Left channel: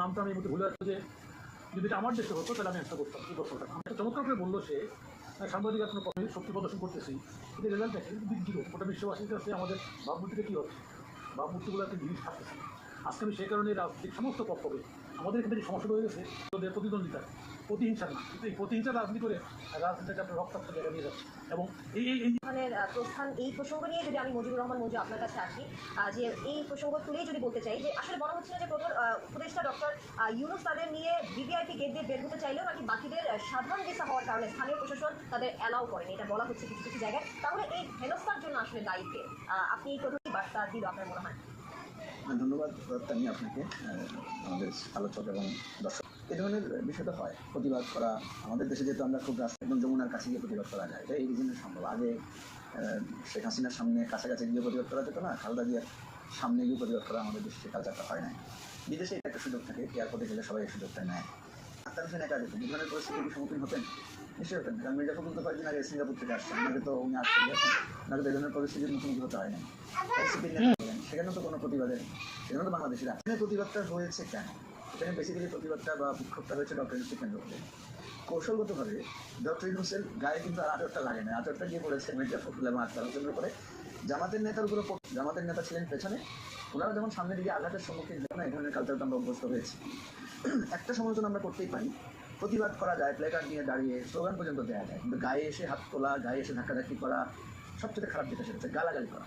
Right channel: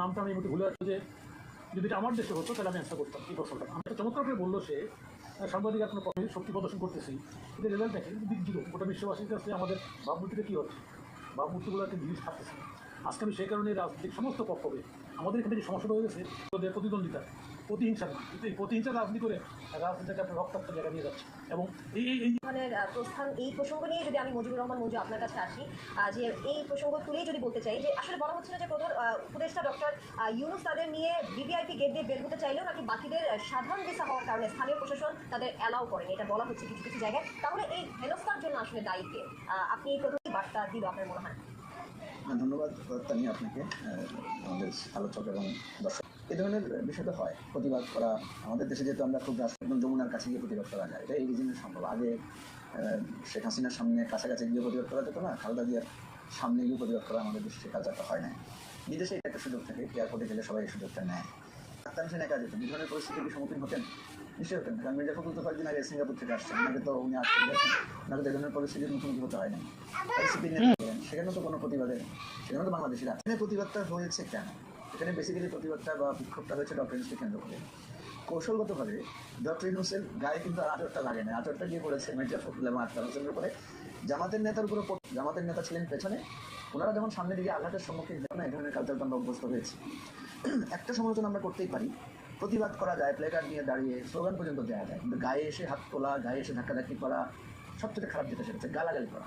নামটা আমি ভুলে যাচ্ছি যে যদি এটা আমার দেশে হতো তাহলে আমি অ্যান্সার করতাম কী প্রশ্নটা আমি একটা চমৎকার করে বললো সে সাংবাদিক আপনার পথে শক্তি প্রদর্শন করতেছি কিন্তু রেজাল্ট দেখেন দিক দিল ওটা বিশ্ববাসীর কাছে আমাদের ভাবমূর্তিটা কী হচ্ছে ভাবমূর্তিগুলো একটা জিনিস থাকতেছে আজকে আমি সেই কারণে রাজনৈতিক সমস্ত পক্ষে আমাদের এখানে যে সমস্যাটা হয়ে গেছে ওদের প্রতিদ্বন্দ্বিতা প্রতিহিংসা না কিন্তু এই প্রতিহিংসা রাজনীতি করে রাজনীতিটা একটা রক্তাক্ত জায়গা নিয়ে যাচ্ছে এবং প্রস্থান এই প্রসঙ্গ নিয়ে যদি আমি মুজিবুর রহমান মঞ্জু আপনার কাছে আসি যে এই প্রসঙ্গ তুলেই যদি বলতে চাই যে আসলে বলা হচ্ছে না যে প্রধান উপদেষ্টা ডক্টর ইউনূস তাদের নিয়ে ভিভিআইপি গেট দিয়ে বের হতে চাইলেও নাকি বাকিদের সাধারণ ভিসা হওয়ার কারণে স্থানীয় প্রশাসন তাদের অ্যালাউ করেনি এটা বলা হচ্ছে কিছু কিছু জায়গায় তাহলে এই হেনস্থার জন্য আসলে দায়ীকে আপনি এই প্রথম বার্তা দিল আপনার মনে হয়? ধন্যবাদ তানি আপনাকে, আমাদের আলোচক এবং দর্শক। এই ধরনের বিষয়টা হয়, প্রতিবাদ করা আমাদের দেশে যেহেতু আমরা খুব রাষ্ট্র এবং যমুনার কাছে গিয়ে প্রতিবাদ করা যায়, এটা এই রিজনে সম্ভব। আগে শেখ হাসিনার সামনে কাছাকাছি গিয়ে প্রতিবাদ করা যেত না, খালেদা জিয়ার সামনে গিয়ে প্রতিবাদ করা আমাদের দেশে কালচারটা হয় না। বিদেশে এটা একটা সুযোগ থাকে, এয়ারপোর্টে গেলে সবাই এই সুযোগটা নেয়। আক্তার হোসেন একা যেত, এই ধরনের পরিস্থিতির সম্মুখীন হতেন, নিশ্চয়ই হতেন। কারণ মির্জা ফখরুল তো কয়েকদিন আগে সিঙ্গাপুর থেকে আসছেন, আমাকে তো উনি আসতে গেছেন, আমাকে এই ধরনের পরিস্থিতির মুখোমুখি হতে হয় না। সেখানে তো কোনো প্রতিবাদে, সেখানে তো বাংলাদেশিরা এখানে প্রতিবাদটা হয়েছে কেন? এখানে বেসিক্যালি প্রতিবাদটা বা বিক্ষোভটা হয়েছে ডক্টর ইউনূসকে কেন্দ্র করে। কৌশলগতভাবে ডক্টর ইউনূসের গায়ে কিন্তু আচরটা লাগে না, আচরটা গিয়ে পড়েছে মির্জা ফখরুল এবং আক্তার হোসেনের উপরে। জামাতের নেতার উপরে, জামাতের নেতা ছিলেন পেছনে, ওনারা যেমন সামনের দিকে আঘাতের সম্মুখীন হয় না, এই ধরনের কালচারটা আমরা অভ্যস্ত হয়েছি। একটা সমালোচনা আমরা করতেই পারি, প্রতিবাদ করা যায়, প্লেকার্ড নিয়ে দাঁড়িয়ে স্লোগান পর্যন্ত দেওয়া যায়, কিন্তু গায়ে এসে হাত তোলা, গায়ে এসে ধাক্কাধাক্কি করা, সবচেয়ে খারাপ যেটা সেটা হচ্ছে গালাগালি করা।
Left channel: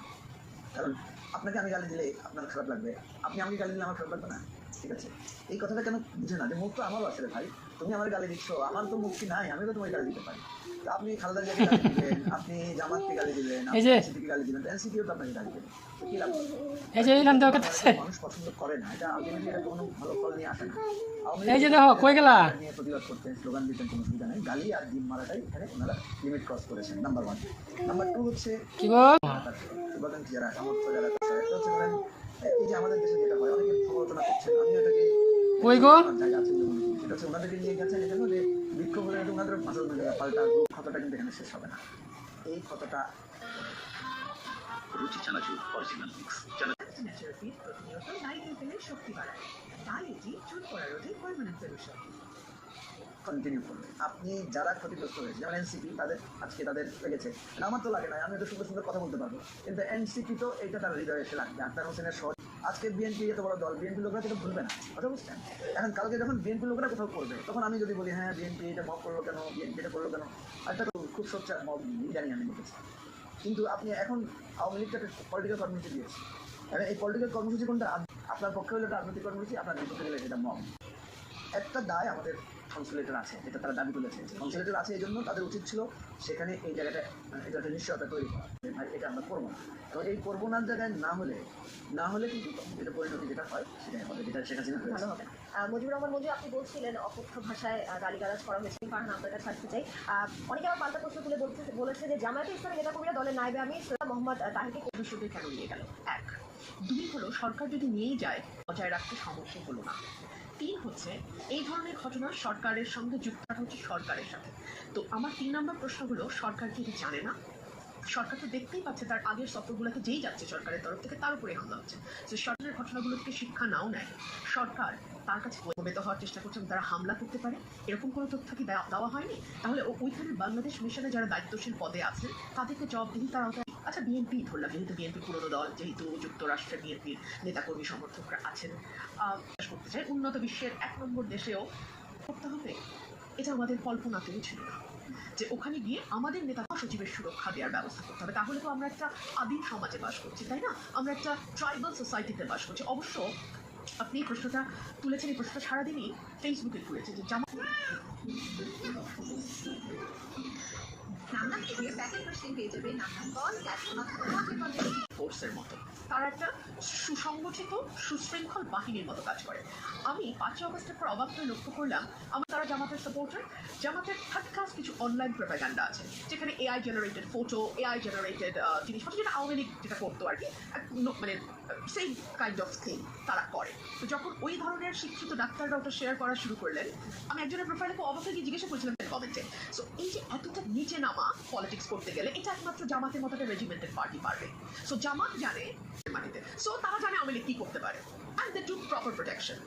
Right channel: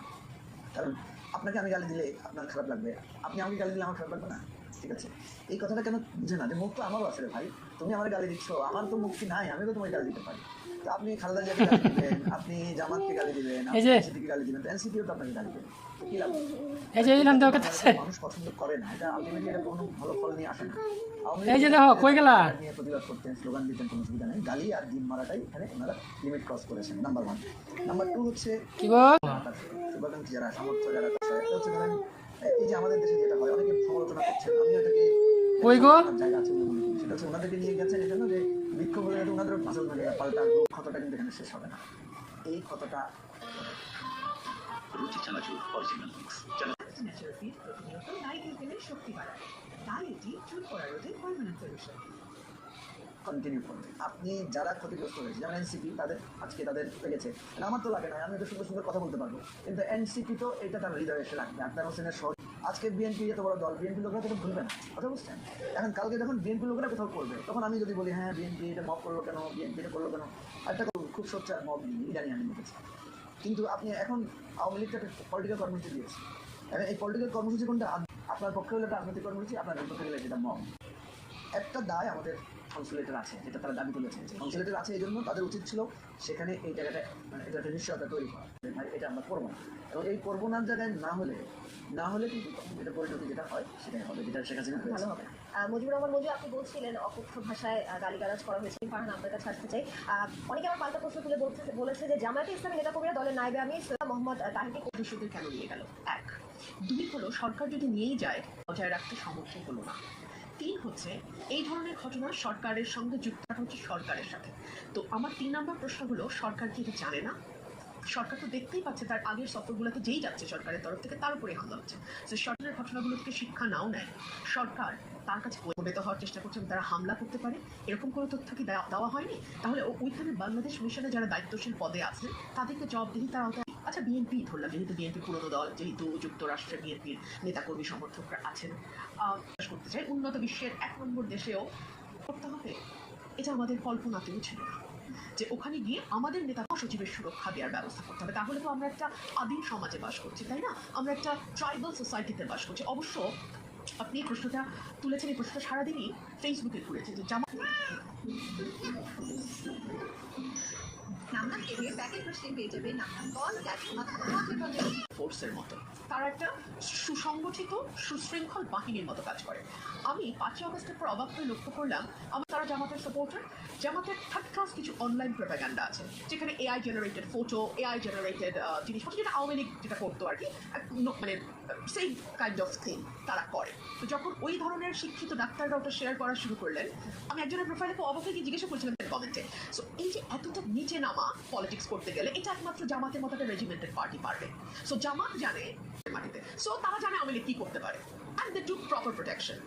কারণ আপনাকে আমি গালি দিলে আপনার খারাপ লাগবে, আপনি আমাকে গালি দিলে আমার খারাপ লাগবে না, ঠিক আছে? এই কথাটা কেন বুঝে না যে মুখ তো আমারও আসলে ভাই, তুমি আমার গালি দিচ্ছ, আমার তো মুক্তি নাই, আমি তো তোমায় গালি দিতে পারি। তো আপনি খালেদা জিয়াকে গালি দিবেন, আপনি জামাতকে গালি দিবেন, এনসিপিকে গালি দিবেন, এনসিপিও তো আপনাকে গালি দেবেন, কি লাভ? মানুষ পছন্দ করে না, এটা আলটিমেটলি এটা কোনো ভালো ফল নিয়ে আসে না। নিয়ে প্রতিবাদ করতেন, স্লোগান দিতেন, কোনো সুবিধা নেই। গালি আর ডিম মারাটাই এখানে ওনারা লিমিট ক্রস করেছেন, নাম্বার 1। নাম্বার 2 হচ্ছে শুভাকাঙ্ক্ষী যারা, সমর্থক যারা, হচ্ছে ধরেন এই যে আমাদের দেশে যেটা হয়, অনেকে সমালোচনা করছেন, আমি এটাকে জায়গা আছে সেটা হচ্ছে ওনাদেরকে নিয়ে গেছেন এই জন্য যে বিক্ষোভ হলে ওনাদের মাসাল ভাগে পাল্টা ক্ষতটা কিন্তু এখানে শেষ হবে না। এই ক্ষতটা রুচি চানাচুর অরিজিনাল শক্তি বাড়ায়, তাই এটি চুল করা রোধে পার্মানেন্ট সলিউশন। কন্টিনিউ করবে। আপনি যারা ক্ষতিগ্রস্ত হয়েছে, যেমন এনসিপি, তাদের আজকে তাদের লেগেছে, আমার তো লাগে না, আমি তো সুন্দর সুন্দর কথা বলতে পারবো, কিন্তু এনসিপি তো এটা তার হৃদয়ে এসে লাগবে। আক্তার হোসেনের সহ আজকে বিএনপি এত বড় দল, বিএনপি লোকরা তো ভুলবে না, কথা বুঝছেন? এখন কালকে যখন বিএনপি লোকরা কোথাও করবে, তখন আমি যদি বলি হ্যাঁ বিএনপি এটা মব করলো কেন, বিএনপি এটা করলো কেন, একটা খুব সোচ্চার মব জানি আমি দেখেছি। কিন্তু আপনি এখন আওয়ামী লীগটা পলিটিক্যাল কর্মসূচি দিয়েছে, এই পলিটিক্যাল কর্মসূচি কোনটা? আপনার পক্ষে হলে একটা রাজনৈতিক কর্মসূচি, আপনার বিপক্ষে গেলে সেটা মব। একটা দায় আমাদের কনসুলেটর আছে, যেটা তারা দাবি তুলেছে, কনসুলেটর আছে এই জন্য তাদের উচিত ছিল সেখানে এই জায়গাটা এটা একটা নিশ্চয়তা তৈরি করা, এটা আমরা করবো না। এবং এই করবো না জায়গায় না হলে কিন্তু এটা পরিণতি যেটা হয় সেটাই হবে, যেটা শেখ হাসিনা ভালো হবে। মুজিবুর রহমান মঞ্জু, আপনি বলছিলেন অকথ্য ভাষায় গালিগালাজ করা হয়েছে, ফারহান আপনার কাছে আসতে চাই। অনেকে আমার পাল্টা প্রশ্ন তুলে বলেছে যে জামায়াতে ইসলামী নেতাকর্মীরা দলের নায়েবে আমির সৈয়দ মোহাম্মদ তাহিরকে ভবিষ্যতে কেন নিয়ে গেল? 1। 2 হলো সরকার যদি নিয়েই যায় বজায় রাখতে সম্মুখীন হলো না। 3 হচ্ছে এই ধরনের ঘটনা সরকারের সঙ্গে যুক্ত হচ্ছে সরকারের সাথে। তো আমার 3 নম্বর প্রশ্ন হলো, সরকার কি জানে না? সরকার তো দেখতেই পাচ্ছে তার আগের সফরগুলোতে যেই যাচ্ছে সরকারের তরফ থেকে তার উপরে হামলা হচ্ছে। তো সরকারের ঘটনাগুলো থেকে শিক্ষা নাও নেয়, সরকার তার কাছে প্রবেত হওয়ার চেষ্টা করছে তারা হামলা করতে পারে, এরকম কোনো তথ্য কি দেওয়া হয়নি? তাহলে ওইখানে বাংলাদেশ মিশনে যারা দায়িত্বশীল পদে আছে তাদেরকে জবাবদিহি তার আওতায়। আচ্ছা, বিএনপি ধরলাম, যেহেতু বিএনপি পুরনো দল, যেহেতু যুক্তরাষ্ট্রে বিএনপির নেতাকর্মী সমর্থকরা আছেন, করতে চাই উন্নত বিশ্বের 1 নম্বর দেশেও করতে হবে, এটা আমাদের কল্পনাতেও ছিল না যে ওখানে গিয়ে আমাদের নেতা সচিবের সুরক্ষা দেওয়ার ব্যবস্থা করতে হবে। তাহলে তো আমরা একটা আদিম সমাজে বাস করছি, তাই না? আমরা একটা ট্রাইবাল সোসাইটিতে বাস করছি। অবশ্য আপনি এই প্রশ্নটা তুলেছেন, এই প্রশ্নটা সারাদিনই ফেসবুকে ঘুরেছে যে ফোর্সের মতো, তারা একটা সুসংগঠিত সুশৃঙ্খল বাহিনীর মতো কাজ করে। আমি 5 আগস্টের পর অবাক হয়ে লক্ষ্য করলাম তারা জামাতের সাপোর্টার, জামাতের থার্ড ক্লাস কিছু অনলাইন প্রোপাগান্ডা আছে, যেখানে AI generated photo, AI generated জিনিসপত্র, যেটা আওয়ামী লীগ যেটা করতো আর কি, মানে সেই কাইন্ড অফ থিং তারা করে। তো যখন ওই ধরনের শিক্ষিত ডাক্তাররা ওটা শেয়ার করা শুরু করলেন, আমি একজনের প্রোফাইলে অবাক হয়ে গিয়ে জিজ্ঞাসা করেছিলাম কমেন্টে। সো এই যে এতটা নিচে নামা পলিটিক্স করতে গেলে, এটা একমাত্র জামাতের মতো একটা রেজিমেন্টেড পার্টি পারবে। সো জামাত জানে মাটিতে, সো তারা জানে আওয়ামী লীগ কি করতে পারে। and they took proper protection.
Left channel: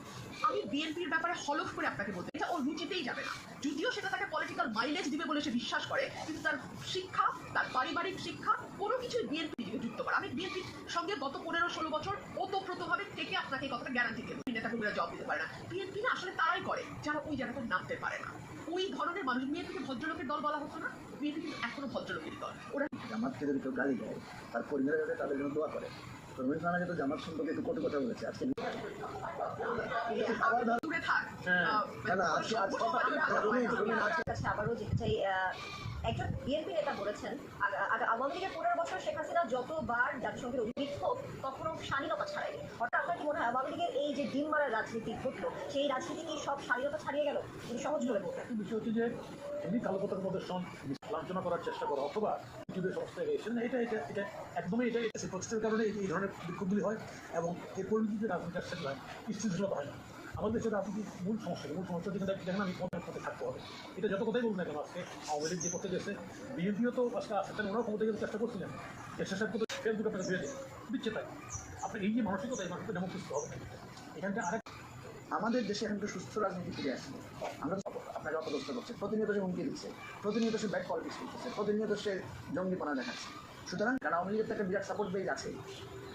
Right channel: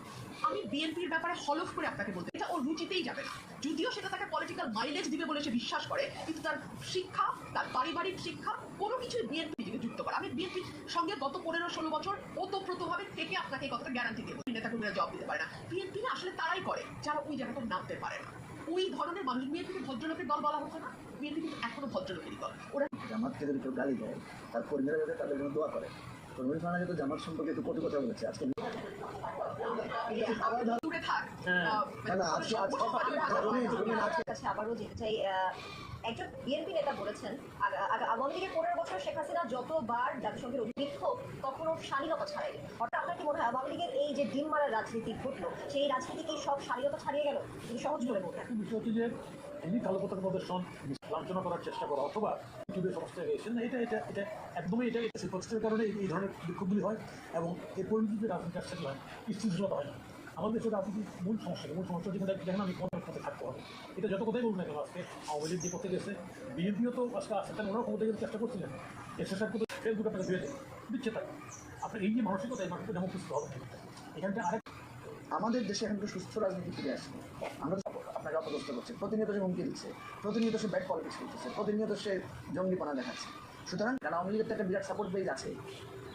আমি বিএনপির ব্যাপারে হলফ করে আপনাকে বলতে এটা ওর রুচিতেই যাবে না, যদিও সেটা তাকে পলিটিক্যাল মাইলেজ দিবে বলে সে বিশ্বাস করে, কিন্তু তার শিক্ষা, তার পারিবারিক শিক্ষা কোনো কিছুই বিএনপি থেকে যুক্ত করে। আমি বিএনপির সঙ্গে গত 15-16 বছর ওতপ্রোতভাবে থেকে আপনাকে এই কথাটা গ্যারান্টি দেবো। নেতাকর্মীরা জবাব দিতে পারে না, বিএনপি না আসলে তারাই করে যারা ওই জায়গাটা নামতে পারে না। ওই ধরনের মানুষ, বিএনপিকে ভদ্রলোকের দল বলা হতো না, বিএনপি কিন্তু এখনো ভদ্রলোকের দল। ওরা জামাতকে যদি কেউ গালি দেয়, তার পরিবারের কাছে তাদের জন্য দোয়া করে। রবীন্দ্র খানা কিন্তু জামাত সম্পর্কে একটু কটু কথা বলেছে আজকে। দূরে থাক। না না, আজকে কাছে আবারও যেতে চাই, একজন বিএনপি নেতা বলেছেন আওয়ামী লীগের 15 বছর শেখ হাসিনা যতবার জাতিসংঘের অভিযুক্ত কখনো শালীনতা ছাড়ে। অর্থাৎ আপনার কি মনে হয় আওয়ামী লীগের এই যে ডিম মারার রাজনীতি ঘটলো, সেই রাজনীতি কি সব শালীনতা ছাড়িয়ে গেল? যদি সহজ করে বলতেন। বিষয় হচ্ছে যে তিনি কালোপতার মধ্যে লাঞ্ছনা করার চেষ্টা করা অথবা ইউটিউবের সমস্যা গেছেন না, এটা একদমই এটা প্রচেষ্টার কারণে এই ধরনের বিক্ষোভগুলি হয় এবং এর পরিণতিতে রাজনীতি আসতে হয়, স্থিতিশীলতা হয় না। আমাদের দেশের রাজনীতির মূল সমস্যা দেখেন আমি কোন পথে থাকতে হবে। এটা যত কথাই বলুন না কেন, আজকে আওয়ামী লীগ যে পথে গেছে, বিএনপিও তো আজকে আসতে ওরাও ক্ষমতা গেলে চেষ্টা করছিলেন, এক্সারসাইজ করতে ফেসবুক আপনাকে ধুয়ে দিচ্ছে। তাই আপনার এই যে মানসিকতা, এই মানসিকতা যেমন সুস্থ হবে এখানটা আরেক আমাদের দেশে এখন একটু সুস্থ রাজনীতি ফিরে আসছে। আমরা আপনাকে অপদস্থ করছে, প্রতিনিয়ত সে হুমকি দিচ্ছে, প্রতিনিয়ত সে ব্যাক পলিটিক্স করতেছে, প্রতিনিয়ত সে জঙ্গিপনা দেখাচ্ছে। সুতরাং কারণ আওয়ামী লীগের তো একটা বিরাট সাপোর্ট বেজ আছে।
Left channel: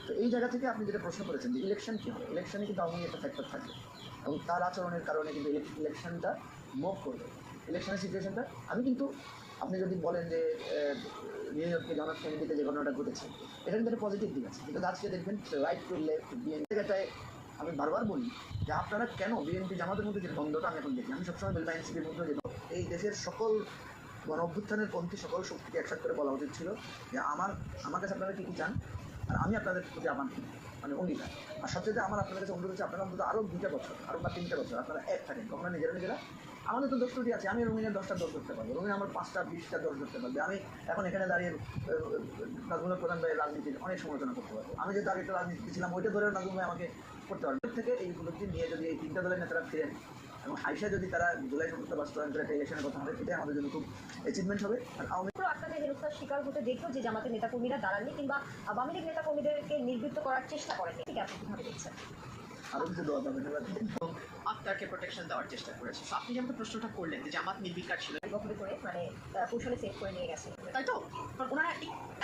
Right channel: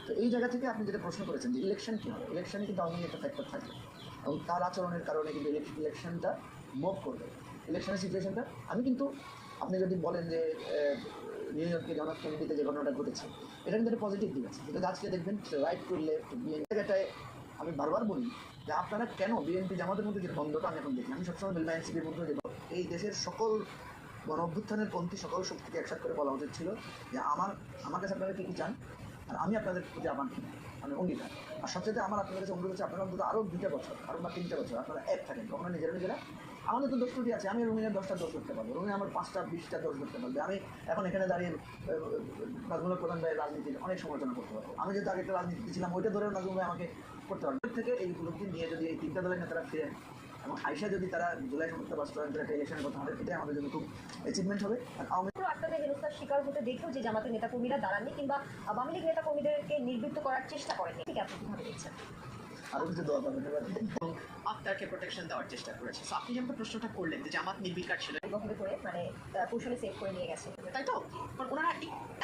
তো এই জায়গা থেকে আপনি যেটা প্রশ্ন করেছেন যে ইলেকশন কী হবে, ইলেকশনে কিন্তু আওয়ামী লীগ একটা ফ্যাক্টর থাকে এবং তার আচরণের কারণে কিন্তু ইলেকশনটা মুভ করবে। ইলেকশনের সিচুয়েশনটা আমি কিন্তু, আপনি যদি বলেন যে নিউ ইয়র্কে জন এফ কেনেডিতে যে ঘটনাটা ঘটেছে, এটা কিন্তু একটা পজিটিভ দিক আছে। কিন্তু আজকে দেখবেন রাইট টু লেফট বিএনপি জায়গাটায় আমি বারবার বলি যে আপনারা কেন বিএনপি জামাতের মধ্যে যে দ্বন্দ্বটা আমি এখন দেখি, আমি সবসময় বলবো এনসিপির মধ্যে যে এই দেশের সকল গণ অভ্যুত্থানের পন্থী সকল শক্তিকে একসাথে করে বলা উচিত ছিল যে আমার কাছে আপনারা কী কী চান আর আমি আপনাদের প্রতি আমার মানে অঙ্গীকার। আর সবচেয়ে আমার আপনাদের কাছে অনুরোধ হচ্ছে আপনারা অন্তত আরও 2টা বছর আরও বা 3টা বছর আপনারা এক থাকেন, আপনারা নিজেরা আমাদের তো দোষ ত্রুটি আছে। আমি রুমিনের 10টা দোষ করতে পারবো, রুমিন আমার 5টা 20টা দোষ করতে পারবে। আমি এখন এখানে দাঁড়িয়ে নাজমুল প্রধান ভাই রাজনীতির অনেক সমালোচনা করতে পারবো। আমি যেহেতু আগে একটা রাজনীতি ছিলাম, ওইটা ধরে নাজমুল ভাই আমাকে করতে পারবে। থেকে এইগুলোকে নিয়ে যদি এই 3টা দলের নেতারা ফেরেন এবং আইসা যদি তারা জুলাই সমস্যা বাস্তবায়ন করে একটা ইলেকশনের কথা হবে, এটাই আমাদের জন্য খুব অ্যাচিভমেন্ট হবে। আর আওয়ামী আপনাদের হেনস্থার শিকার হতে দেখেও যে জামাতের নেতাকর্মীরা দাঁড়াননি কিংবা আওয়ামী লীগ নেতাকর্মীদেরকে নির্বৃত্ত করার চেষ্টা করেনি, ঠিক আপনি কিভাবে দেখছেন? আরও কিছু দল পাবেন আপনাকে প্রোটেকশন দেওয়ার চেষ্টা করেছে। আপনি যেমন প্রশ্নটা করলেন যে জামাত নির্বিকার ছিল, ব্যবহার করে মানে কৌশলে সেভ করে নিয়ে গেছে, তাই তো? কারণ ওনারা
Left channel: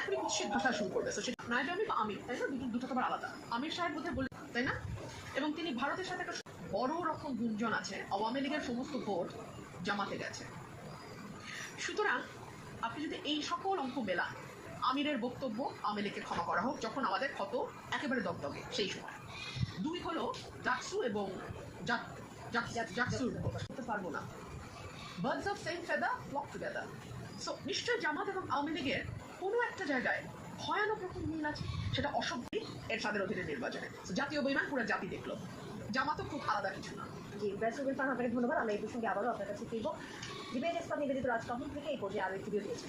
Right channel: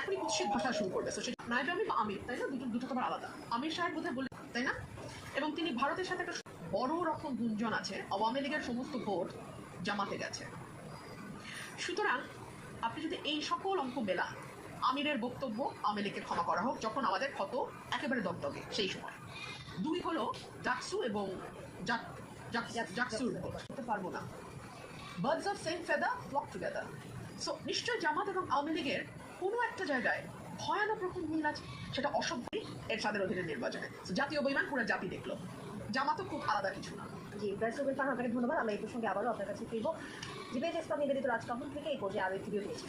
এখনই কুৎসিত ভাষা শুরু করবে। তো সেটা নাইবে আমি বা আমির, তাই না? দুটো তোমার আলাদা। আমির সাহেব বোধহয় বললেন, তাই না? এবং তিনি ভারতের সাথে একটা বড় রকম গুঞ্জন আছে, আওয়ামী লীগের সমস্ত ভোট জামাতে গেছে। সুতরাং আপনি যদি এই সকল অঙ্ক মেলান, আমিরের বক্তব্য আওয়ামী লীগকে ক্ষমা করা হোক যখন আমাদের ক্ষত একেবারে দগদগে, সেই সময় 2 হলো জাকসু এবং জাকসুর করতে পারবো না। Birds of same feather flock together. So নিশ্চয়ই জামাত এবং আওয়ামী লীগের কোনো একটা জায়গায় ভয়ানক রকম মিল আছে, সেটা অসভ্যই এরশাদের অধীনে নির্বাচনে। জাতীয় বৈমান পুরো জাতি দেখলো, জামাতও খুব আলাদা কিছু না। জি, ব্যারিস্টার খান আপনাকে ধন্যবাদ। আমরা এই প্রসঙ্গে আবারও আপনার কাছে ফিরব। ডিবেট ইসলাম নিবেদিত রাজকাহন থেকে এই পর্যায়ে আরও ভিডিও দিয়েছি।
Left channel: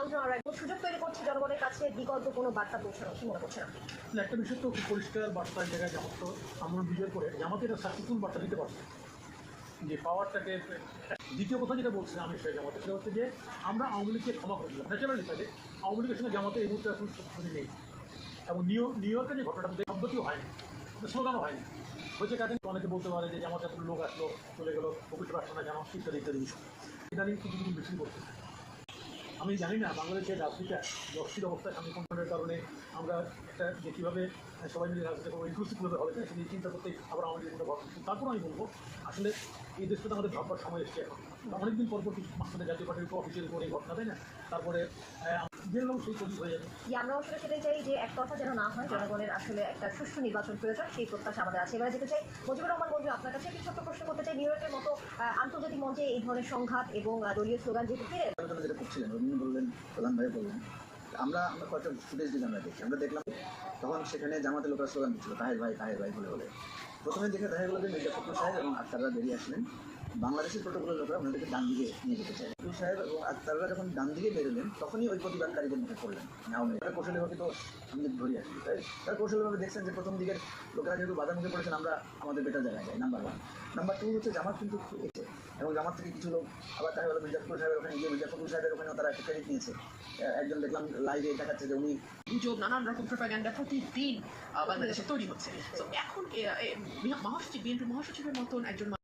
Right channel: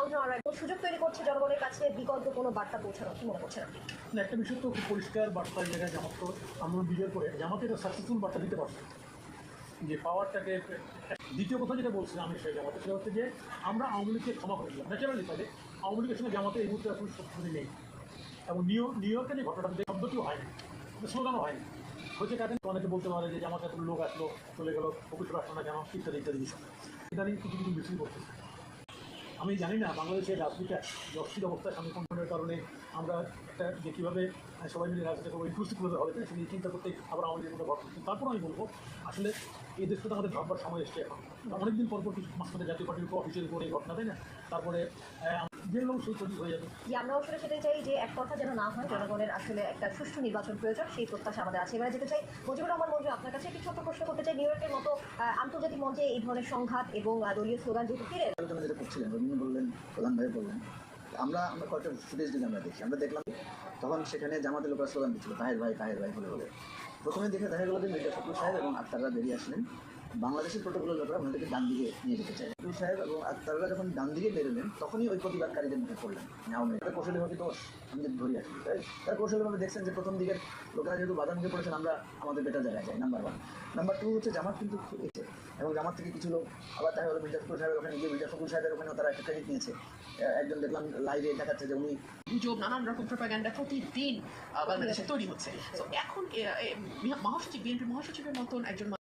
আমরা সুযোগ তৈরি করছি জনগণের কাছে বিকল্প কোনো বার্তা পৌঁছানো, কি মনে করছেন আপনি? না, একটা বিষয় তো খুব পরিষ্কার বার্তা এই জায়গায় জামাত তো আমরা বিজয় করে জামাতে একটা সাকসেসফুল বার্তা দিতে পারছে যে পাওয়ারটাকে। দ্বিতীয় কথা যেটা বলছিলাম আমি সেটা জামাতে, সেটা হচ্ছে যে আমরা আওয়ামী লীগকে ক্ষমা করেছিলাম ন্যাচারালি কাজে। আওয়ামী লীগের সঙ্গে জামাতে এই মুহূর্তে এখন শক্তি নেই এবং নিউ ইয়র্কে যে ঘটনাটা শব্দটিও হয়নি, স্লোগানও হয়নি। হচ্ছে কারণ অনেকে বলতে পারে যে জামাতে এখন লোক আসলো চলে গেলো, অফিসে আসলো না জামা ইত্যাদি ইত্যাদি বিষয়। এটা নিয়ে কিছু কিছু মিছিল করতে আমি জানি না বাংলাদেশের রাজনীতিটা অস্থির অবস্থায় সংরক্ষণের কারণে আমরা একটা যে কীভাবে সবাই মিলে রাজনীতি করবো, ইনক্লুসিভ করতে হবে, তাই সেই চিন্তা করতে আবার আমাদের মধ্যে ভর করছি। তারপর আমি বলবো আসলে এই দেশটা তো আমাদের ভাববার সময় এসছে। অনেকদিন পর কিছু মাঝখানে জাতীয় পার্টির অফিসিয়াল করে এই ঘটনা, তাই না? তারপরে জেনেও সেই তৈরি হয়ে যাবে। আমরা আসলে সেটাই চাই যে এক কথা যেন না হয়, জনগণের আসলে একটা সুষ্ঠু নির্বাচন প্রয়োজন, সেই প্রত্যাশা আমাদের আছে। এবারে যেতে চাই মুজিবুর রহমান মঞ্জু, আপনার কাছে একটি ছোট্ট প্রশ্ন করতে চাই। নিউ ইয়র্কের মতো আন্তর্জাতিক মঞ্চে এই ধরনের সংঘাত এবং দলীয় স্লোগান যেহেতু ফিরে আলোচনা যেটা করছিলেন, রবীন্দ্র বললেন, প্রধান ভাই বললেন, আমরা কয়েকটা ফুটেজ দিকে আমরা দেখি, আমরা দেখলাম তখন সেখানে জামাতের লোকেরা স্লোগান দিচ্ছিল তাহের ভাই বলে। প্রথমে দেখে দেখা গেল যে মির্জা ফখরুল সাহেব এবং আক্তাররা বেরিয়ে আসলেন, বাংলাদেশের প্রোটোকলের লোকেরা ওনাদেরকে ডান দিকে নিয়ে যেতে চায়। ফখরুল সাহেব এবং আক্তাররা যখন ডান দিকে বেরোলেন তখনই ওই প্রতিবাদকারীদের মুখে পড়লেন আওয়ামী লীগের কৌশলী হয়তো আমাদের ধরে আসবে। তাই তার কৌশলভাবে দেখছেন যে প্রথম দিকের লোকেরা যেহেতু বাধা নিতে পড়েছেন, আমরা আমাদের বেটার জায়গায় যাই। নাম্বার 1। নাম্বার 2 হচ্ছে জামাত কিন্তু এসে এবং জামাত থেকে কিছু লোক আবার তাই হলো মির্জা ফখরুল সাহেবের ওখানে গিয়ে মির্জা ফখরুল সাহেবের ওখানেও তারা একটা ক্রেডিট নিয়েছে একজন দেখলাম লাইভে দেখাচ্ছে যে উনি গুজব নানান রকম প্রোপাগান্ডা প্রতিদিন বাংলাদেশে তৈরি হচ্ছে তো এখন মহাসচিব বিএনপি মহাসচিবের মতন একজন